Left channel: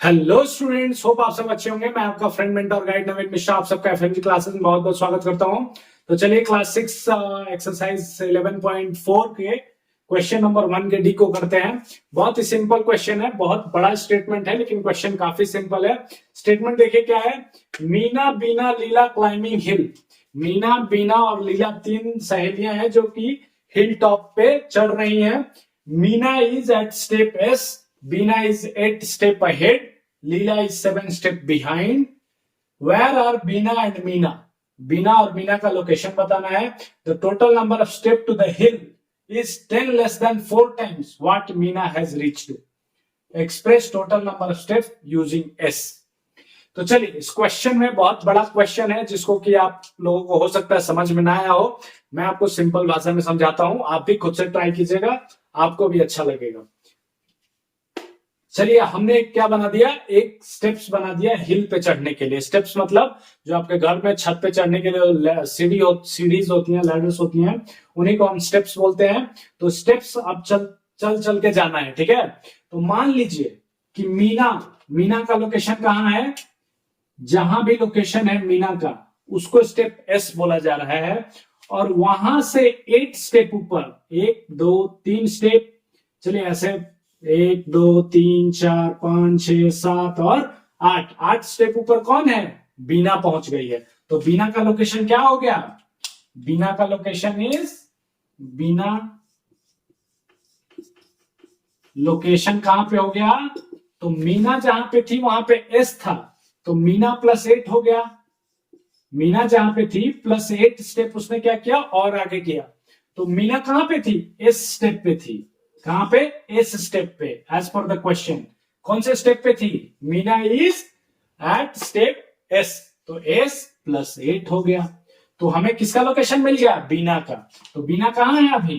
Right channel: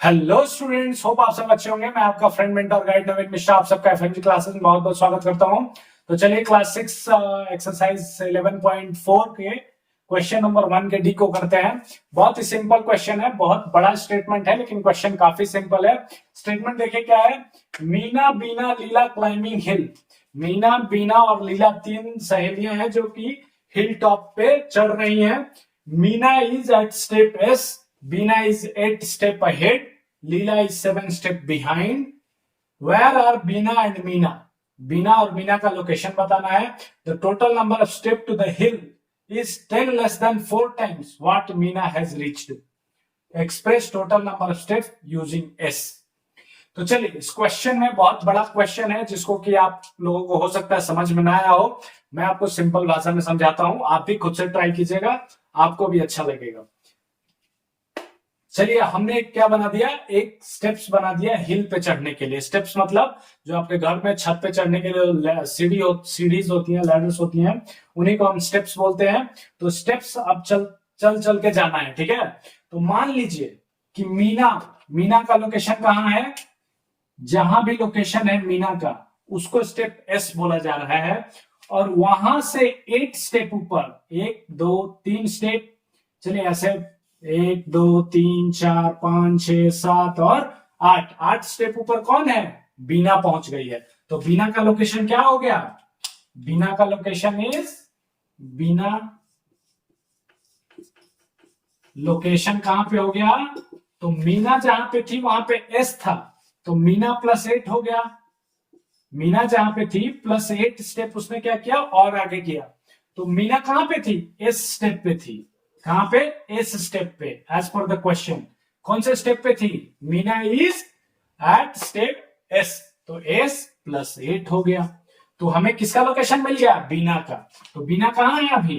Hello students, hope आप सब अच्छे होंगे। मैं आपका फ्रेंड मेंटर गाइड नवीन मिश्रा आप सबका एफएमजी क्लासेस में बहुत बहुत स्वागत करता हूं। तो चलिए क्लास 6 एक्सरसाइज 11.4 के क्वेश्चन नंबर 1 के डी को करते हैं। बहुत ही सिंपल क्वेश्चन है, बहुत बड़ा स्टेटमेंट है लेकिन क्वेश्चन काफी सिंपल है। स्टेटमेंट देखिए क्या है। मीना बीना लीला क्लाइंबिंग हिल। मीना बीना और लीला तीन सहेलियां हैं जो कि हिल टॉप पे चढ़ रही हैं। Meena is at step S, Bina is 8 step ahead, Leela is 7 step behind. Where are Bina and Meena? Bina और मीना का लोकेशन बताना है। The total number of step to the hill is 10 less than 4 times what Meena has reached. Express total number of steps using S. तो चलिए, इस question में बहुत बड़ा क्वेश्चन है जिसको कि आप लोगों को हो सकता है समझ में ना आया हो। मैं आपको सिंपल भाषा में समझाता हूं, आप भी खुद से ट्राई कीजिएगा, आपको भी अच्छा लगेगा। चलिए, हमने क्या बना दिया, एक स्टेप्स बना दिया हिल पे चढ़ने के लिए। स्टेप्स मतलब जो आपके घर में छत पे चढ़ने के लिए सीढ़ीज होती हैं, लैडर्स होती हैं, उन्हीं को हम स्टेप्स बोलते हैं। तो स्टेप्स अब चल चल के जाना है, ठीक है। तो मान लीजिए कि मीना का लोकेशन कहाँ है। जहां भी लोकेशन है मीना का, उसको स्टेप एस बोला जा रहा है। और वहां से 8 स्टेप ऊपर, 1 2 3 स्टेप, चलिए ऐसे 1 2 3 4 5 6 7 और 8 स्टेप ऊपर कौन है, बीना पहुंच गई है। तो बीना का लोकेशन क्या हो गया, बीना का लोकेशन इज, बीना लोकेशन कहां पे हो गया। तो मीना जहां पे थी वहां पे एस था, तो मीना प्लस 8 हो गया। मीना जहां पे थी प्लस 8 स्टेप उसने क्या किया और आगे किया। तो मीना कहां पे थी, एस स्टेप पे थी। कहां पे, एस स्टेप पे। एज पर द क्वेश्चन कौन से स्टेप पे थी, Meena is at step S, तो एस प्लस 8 हो गया। तो हमें किसका लोकेशन मिल गया, बीना का। तो बीना कहां है अभी,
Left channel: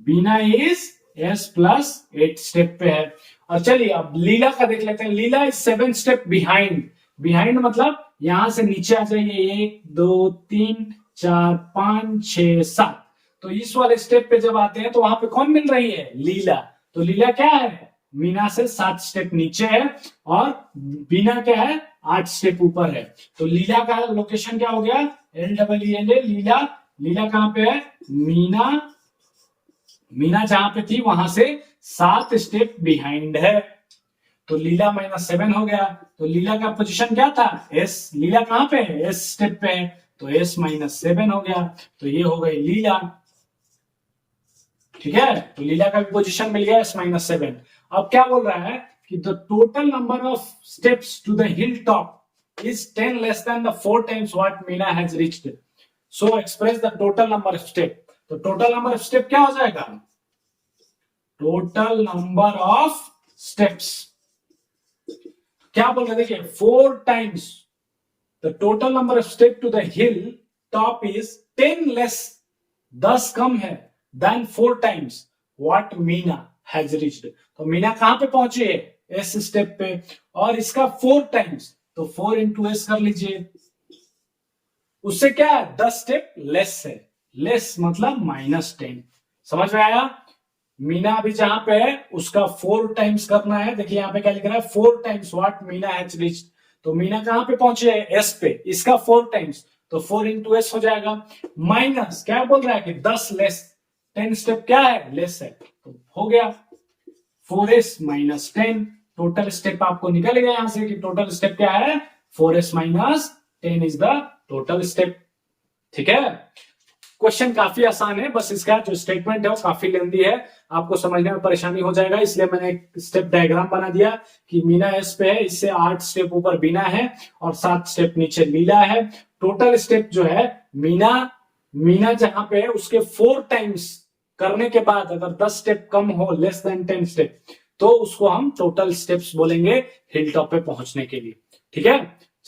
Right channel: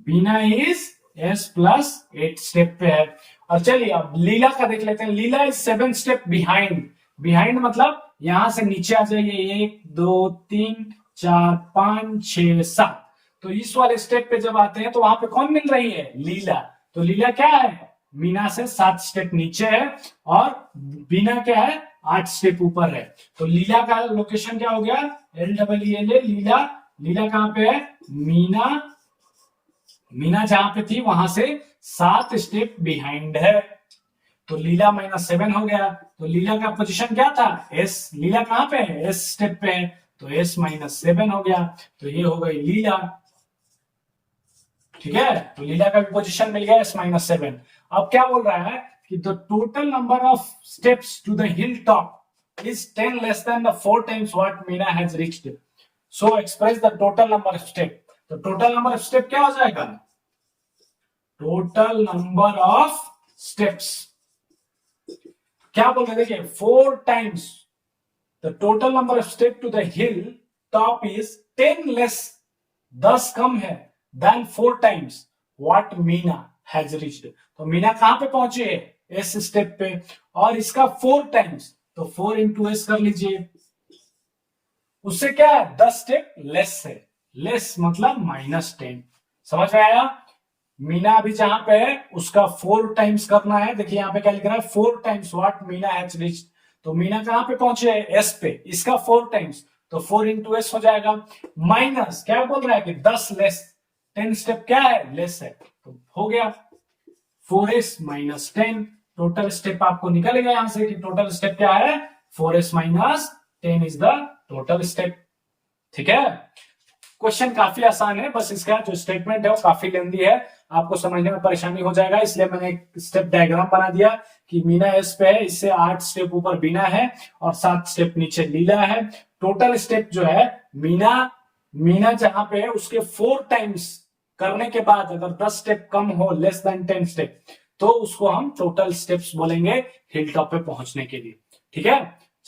बीना इज एस प्लस 8 स्टेप पे है। और चलिए अब लीला का देख लेते हैं। लीला इज 7 स्टेप बिहाइंड। बिहाइंड मतलब यहां से नीचे आ जाइए, 1 2 3 4 5 6 7। तो इस वाले स्टेप पे जब आते हैं तो वहां पे कौन मिल रही है, लीला। तो लीला क्या है, मीना से 7 स्टेप नीचे है और बीना क्या है, 8 स्टेप ऊपर है। तो लीला का लोकेशन क्या हो गया, LEELA, लीला। लीला कहां पे है, मीना जहां पे थी वहां से 7 स्टेप बिहाइंड है। तो लीला -7 हो गया। तो लीला का पोजीशन क्या था, एस। लीला कहां पे है, एस स्टेप पे है, तो एस -7 हो गया। तो ये हो गई लीला, ठीक है। तो लीला का भी पोजीशन मिल गया S-7। अब क्या बोल रहा है कि the total number of steps to the hill top is 10 less than the 4 times what Meena has reached. So express the total number of step. तो टोटल नंबर ऑफ स्टेप क्या हो जाएगा, टोटल नंबर ऑफ स्टेप्स क्या बोल रहे, देखिए 4 times the total number of step to the hill top is 10 less, 10 कम है, then 4 times what Meena has reached. तो मीना कहां पे पहुंची है, एस स्टेप पे, और इसका 4 टाइम्स, तो 4 इंटू एस कर लीजिए। उससे क्या है, 10 स्टेप लेस है। लेस मतलब -10। समझ में आया। मीना अभी जहां पे है उसका 4 टाइम्स करना है। देखिए यहां पे क्या लिख रहा है, 4 times what Meena has reached. तो मीना कहां पे पहुंचे है, एस पे, इसका 4 टाइम्स, तो 4 इंटू एस हो जाएगा। माइनस क्या बोल रहा है कि 10 लेस, 10 स्टेप क्या है, लेस है, तो हो गया 4s - 10। टोटल स्टेप आपको निकल गया यहां से कि टोटल स्टेप क्या है, 4s - 10 is the total step, ठीक है। क्वेश्चन काफी आसान है, बस इसका जो स्टेटमेंट है वो काफी लेंथी है, आपको समझने में परेशानी हो जाएगा, इसलिए मैंने एक स्टेप डायग्राम बना दिया कि मीना एस पे है, इससे 8 स्टेप ऊपर बीना है और 7 स्टेप नीचे लीला है। टोटल स्टेप जो है मीना जहां पे है उसके 4 टाइम्स करने के बाद अगर 10 स्टेप कम हो, लेस देन 10 स्टेप, तो उसको हम टोटल स्टेप्स बोलेंगे हिल टॉप पे पहुंचने के लिए, ठीक है।